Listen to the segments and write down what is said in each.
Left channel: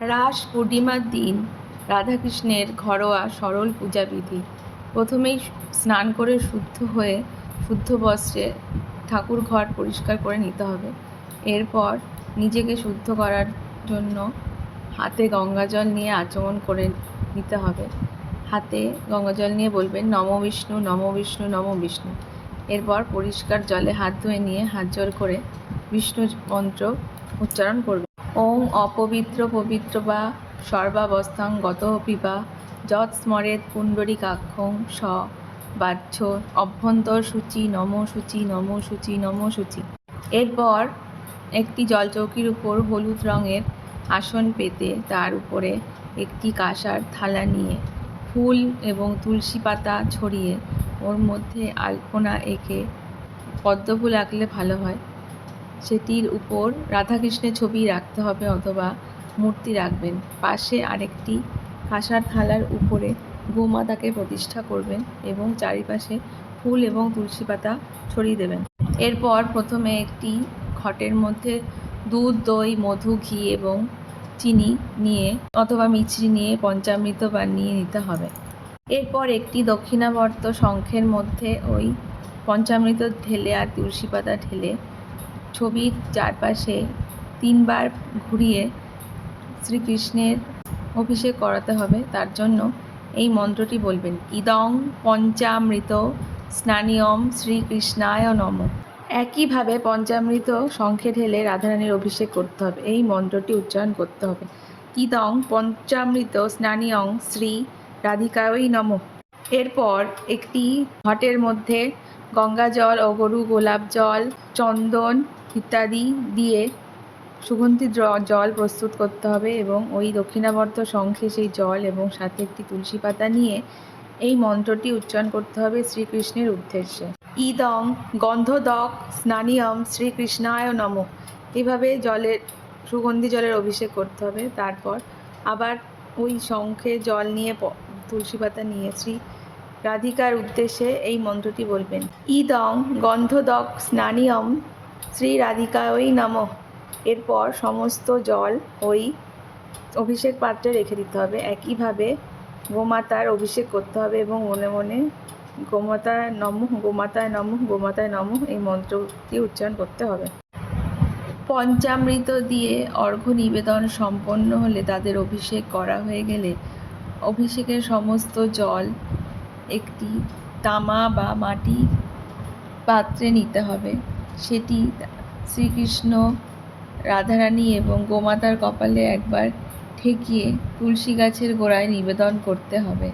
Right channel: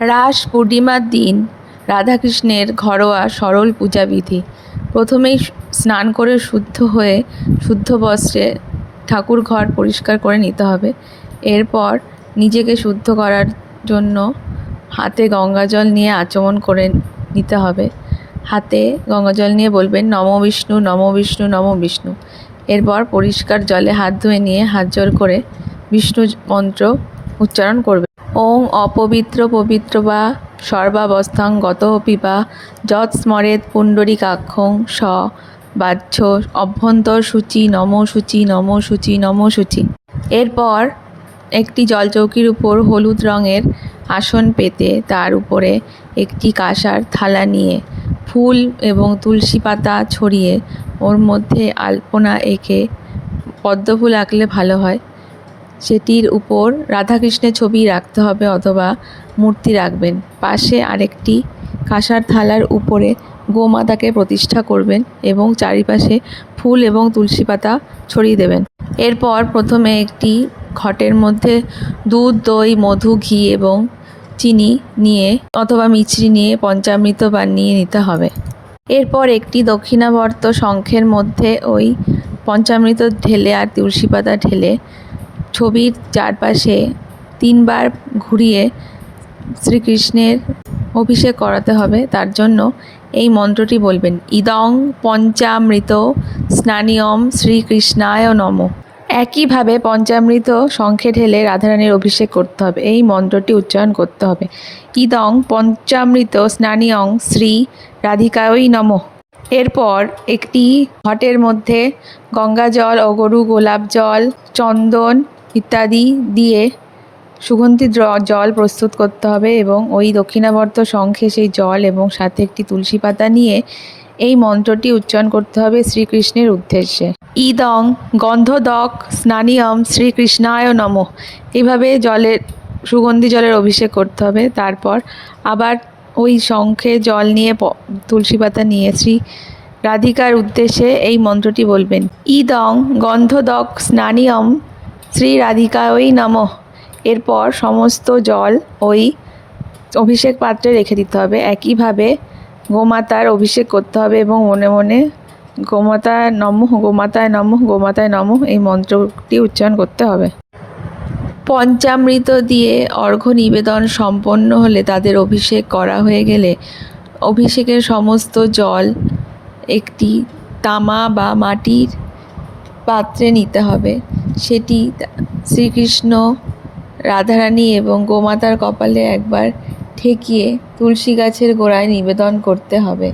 রাস পূর্ণিমার দিন রাধাকৃষ্ণের ঘরোয়া সরল পূজাবিধি। প্রথমেই স্নান করে শুদ্ধ হয়ে শুদ্ধ বস্ত্রে ঠাকুর ঘর পরিষ্কার করে নিতে হবে। এরপর নিজেকে শুদ্ধ করার জন্য হাতে গঙ্গাজল নিয়ে আচমন করে নিতে হবে। হাতে গঙ্গাজল নিয়ে বলবেন, নম বিষ্ণু নম বিষ্ণু নম বিষ্ণু। এরপর পরিষ্কার জলে হাত ধুয়ে নিয়ে হাত জোর করে বিষ্ণু মন্ত্র উচ্চারণ করবে ওং অপবিত্র পবিত্র বা সর্বাবস্থাং গত পিবা যৎ স্মরেত পুণ্ডরীকাক্ষং স বাহ্য অভ্যন্তর সূচি নম সূচি নম সূচি নম সূচি। এরপর একটি জলচৌকির উপর হলুদ রঙের আসন পেতে তার উপরে একটি কাঁসার থালা নিয়ে ফুল এবং তুলসী পাতা ছড়িয়ে ওর মধ্যে আলপনা এঁকে পদ্মফুল আঁকলে ভালো হয়। সেটির উপর রাধাকৃষ্ণের ছবি রাখতে হবে অথবা মূর্তি রাখবেন। পাশে আরেকটি কাঁসার থালার উপরে গোমাতাকে প্রতিষ্ঠা করবেন এবং চারিপাশে ফুল এবং তুলসী পাতা ছড়িয়ে দেবেন। এরপর প্রথমে একটি ঘটের মধ্যে দুধ, দই, মধু, ঘি এবং চিনি নিয়ে অথবা মিছরি নিয়ে পঞ্চামৃত বানিয়ে নিতে হবে। এরপর একটি দক্ষিণাবর্ত শঙ্খের মধ্যে ওই পঞ্চামৃত ঢেলে আর তুলসী পাতা ঢেলে ছবির চারপাশে তিনবার ঘুরিয়ে শ্রীকৃষ্ণের অভিষেক করাতে হবে, তার জন্য এই মন্ত্রটি বলবেন, ইদং পঞ্চামৃত স্নানিয়ম শ্রীকৃষ্ণায় নম। একইভাবে পঞ্চামৃত শঙ্খে ঢেলে রাধারানীর অভিষেক করতে হবে, এই মন্ত্রটি উচ্চারণ করতে হবে, ইদং পঞ্চামৃত স্নানিয়ং শ্রী রাধিকায়ই নম। এরপর একটি ঘটের মধ্যে গঙ্গা জল অগরু গোলাপ জল, চন্দন ইত্যাদি দিয়ে সুগন্ধি জল প্রস্তুত করতে হবে এবং ওই দক্ষিণাবর্ত শঙ্খে সেই জল এবং সাথে একটি তুলসী পাতা নিয়ে এই মন্ত্রটি উচ্চারণ করতে হবে শ্রীকৃষ্ণের উদ্দেশ্যে। ইদং গন্ধদক স্নানিয়ম শ্রীকৃষ্ণায় নম। এইভাবে জলের, সুগন্ধি জলের অভিষেক করতে হবে। তারপর আবার ওই শঙ্খে জল নিয়ে তুলসী পাতা নিয়ে শ্রী রাধিকার উদ্দেশ্যে এই মন্ত্রটি বলবেন। ইদং গন্ধদক স্নানিয়ম শ্রী রাধিকায় নমঃ। এরপর সমস্ত জল ওই অভিষেক পাত্রে রেখে দিতে হবে। একইভাবে গোমাতার অভিষেক করতে হবে এবং মনে মনে গোমাতায় নমঃ গোমাতায় নমঃ গোমাতায় নমঃ এই মন্ত্রটি উচ্চারণ করতে হবে। পঞ্চামৃত দিয়ে অর্ঘ্য নিবেদন সম্পন্ন হলে তাদের অভিষেক করা হয়ে গেলে অভিষেকের সমস্ত জল একটি তামা বা মাটির পাত্রে নিতে হবে। সেটি শ্রীকৃষ্ণ রাধারানী এবং গোমাতার কপালে একবার ঠেকিয়ে তুলসী গাছের গোড়ায় নিবেদন করতে হবে।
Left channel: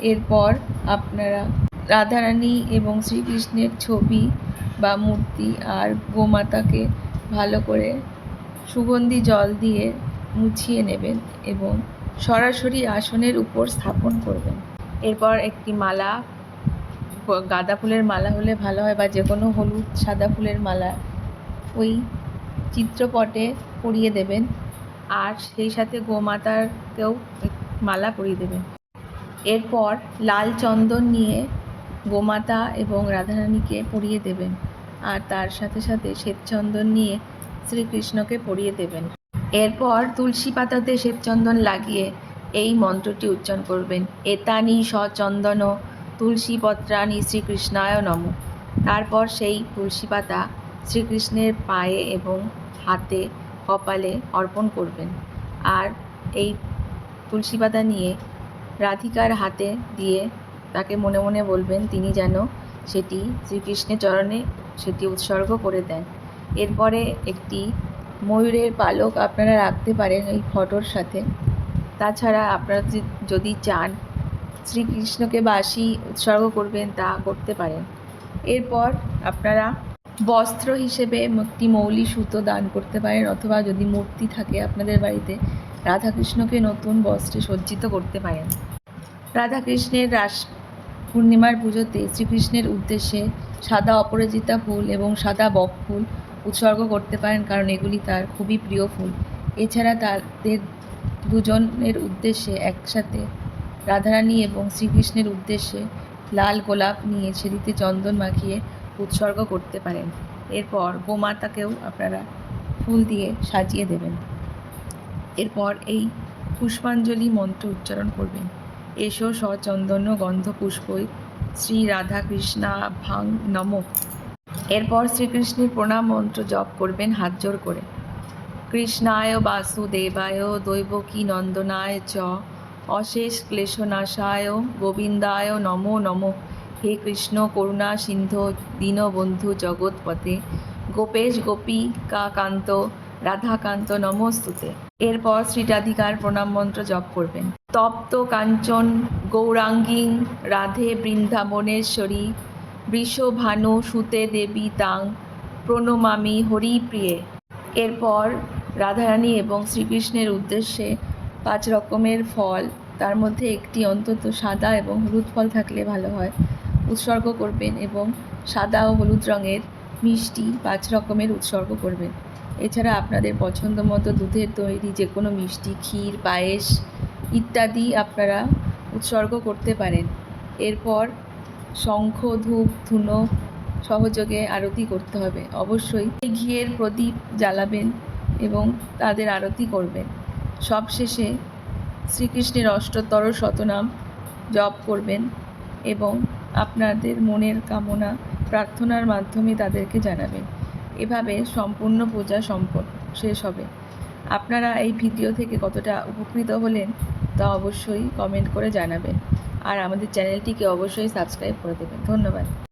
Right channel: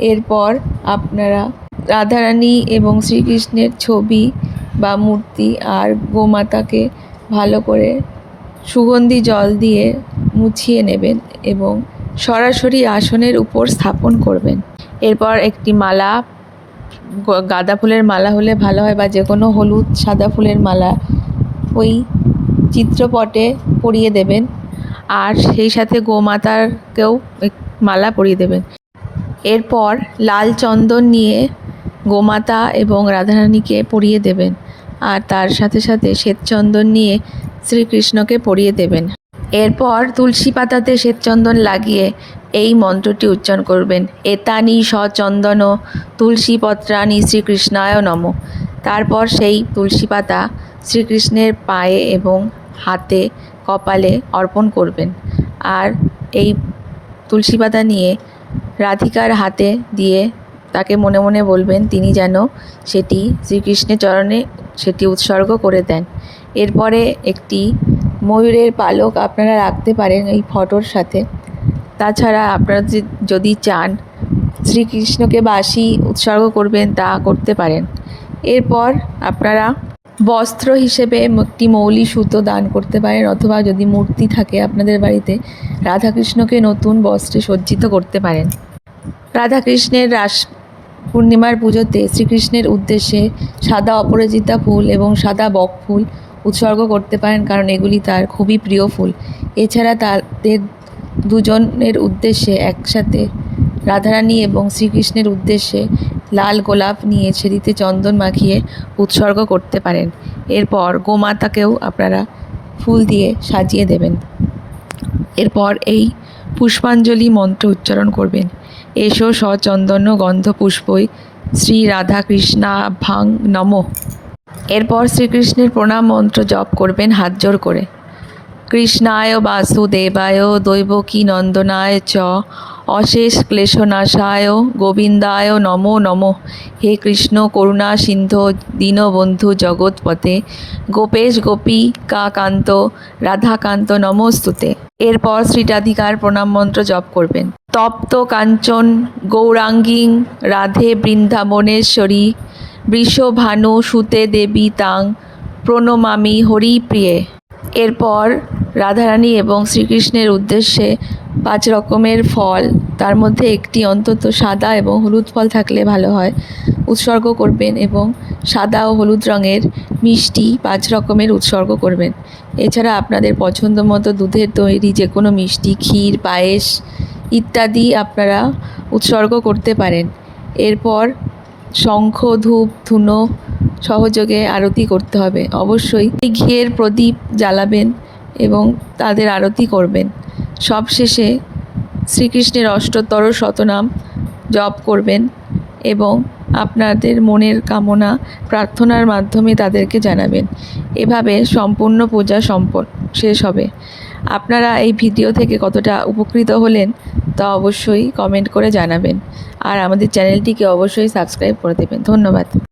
এরপর আপনারা রাধারানী এবং শ্রীকৃষ্ণের ছবি বা মূর্তি আর গোমাতাকে ভালো করে সুগন্ধি জল দিয়ে মুছিয়ে নেবেন এবং সরাসরি আসনের উপর স্থাপন করবেন। এরপর একটি মালা গাঁদা ফুলের মালা হলে ভালো হয় বা যে কোনো হলুদ, সাদা ফুলের মালা, ওই চিত্রপটে পরিয়ে দেবেন। আর সেই সাথে গোমাতারকেও মালা পরিয়ে দেবেন। এরপর লাল চন্দন নিয়ে গোমাতা এবং রাধারানীকে পরিয়ে দেবেন। আর তার সাথে সাথে শ্বেতচন্দন নিয়ে শ্রীকৃষ্ণকে পরিয়ে দেবেন। এরপর তুলসী পাতাতে শ্বেতচন্দন লাগিয়ে এই মন্ত্রটি উচ্চারণ করবেন। এতানি সচন্দন তুলসী পত্রানি শ্রীকৃষ্ণায় নম। তারপর সেই তুলসী পাতা শ্রীকৃষ্ণের পায়ে এবং হাতে কপালে অর্পণ করবেন। আর এই তুলসী পাতা নিয়ে রাধিকার হাতে দিয়ে তাকে মনে মনে বলবেন, তিনি যেন সেটি শ্রীকৃষ্ণের চরণে সেটি উৎসর্গ করে দেন। এরপরে একটি ময়ূরের পালক আপনারা রাখতে পারেন এই ফটোর সাথে। তাছাড়া আপনারা যদি চান, শ্রীকৃষ্ণকে বাসি উৎসর্গ করবেন, তা করতে পারেন। এরপর আপনারা বস্ত্র হিসেবে একটি মৌলি সুতো দান করতে পারেন, অথবা যদি মূর্তি থাকে আপনাদের বাড়িতে, রাধাকৃষ্ণকে নতুন বস্ত্রে সজ্জিত করতে পারেন। রাধাকৃষ্ণের রাস পূর্ণিমার পুজোতে শ্রীকৃষ্ণের উদ্দেশ্যে সাদা অপরাজিতা ফুল এবং সাদা বক ফুল উৎসর্গ করতে পারেন, কারণ এগুলি তার খুবই প্রিয় ফুল। এছাড়া তাদের দুজনের উদ্দেশ্যে একসাথে রাধারানী এবং শ্রীকৃষ্ণের উদ্দেশ্যে লাল গোলাপ নিয়ে সেদিতে চন্দন মাখিয়ে উৎসর্গ করতে পারেন। এরপর গোমাতাকেও আপনারা ফুল দিয়ে সাজিয়ে দেবেন। এরপর এই পুষ্পাঞ্জলি মন্ত্র উচ্চারণ করবেন। এসো সচন্দন গন্ধ পুষ্পই শ্রী রাধা কৃষ্ণা ভাং নম। এরপর শ্রীকৃষ্ণের প্রণাম মন্ত্র জপ করবেন হাত জোর করে। কৃষ্ণায় বাসুদেবায়, দৈবকী নন্দনায় চ। অশেষ ক্লেশনাশায়, গোবিন্দায় নমো নমঃ। হে কৃষ্ণ, করুণা সিন্ধু, দীনবন্ধু জগৎপথে। গোপেশ গোপিকাকান্ত রাধাকান্ত নমস্তুতে। এরপর শ্রীরাধিকার প্রণাম মন্ত্র জপ করবেন। তপ্ত কাঞ্চন, গৌরাঙ্গী, রাধে বৃন্দাবনেশ্বরী বৃষভানু সুতে দেবী তাং প্রণমামি হরিপ্রিয়ে। এরপর রাধারানী এবং শ্রীকৃষ্ণের উদ্দেশ্যে পাঁচ রকমের ফল, তার মধ্যে একটি অন্তত সাদা এবং হলুদ ফল থাকলে ভালো হয়, উৎসর্গ করবেন এবং সাদা ও হলুদ রঙের মিষ্টি পাঁচ রকমের উৎসর্গ করবেন। এছাড়া আপনাদের পছন্দ মতো দুধের তৈরি যে কোনো মিষ্টি, ক্ষীর, পায়েস ইত্যাদি আপনারা উৎসর্গ করতে পারেন। এরপর শঙ্খ, ধূপ, ধুনো সহযোগে আরতি করতে হবে। অবশ্যই ঘিয়ের প্রদীপ জ্বালাবেন এবং তাদের আরতি করবেন। সবশেষে শ্রীকৃষ্ণের অষ্টোত্তর শতনাম জপ করবেন এবং আপনাদের মনের কামনা প্রার্থনার মাধ্যমে তাদেরকে জানাবেন। এভাবে সম্পূর্ণ পূজা সম্পন্ন শেষ হবে। আপনারা এই ভিডিও থেকে কতটা উপকৃত হলেন তা অবশ্যই কমেন্ট করে জানাবেন। আর আমাদের চ্যানেলটিকে অবশ্যই সাবস্ক্রাইব করে দেবেন। ধন্যবাদ।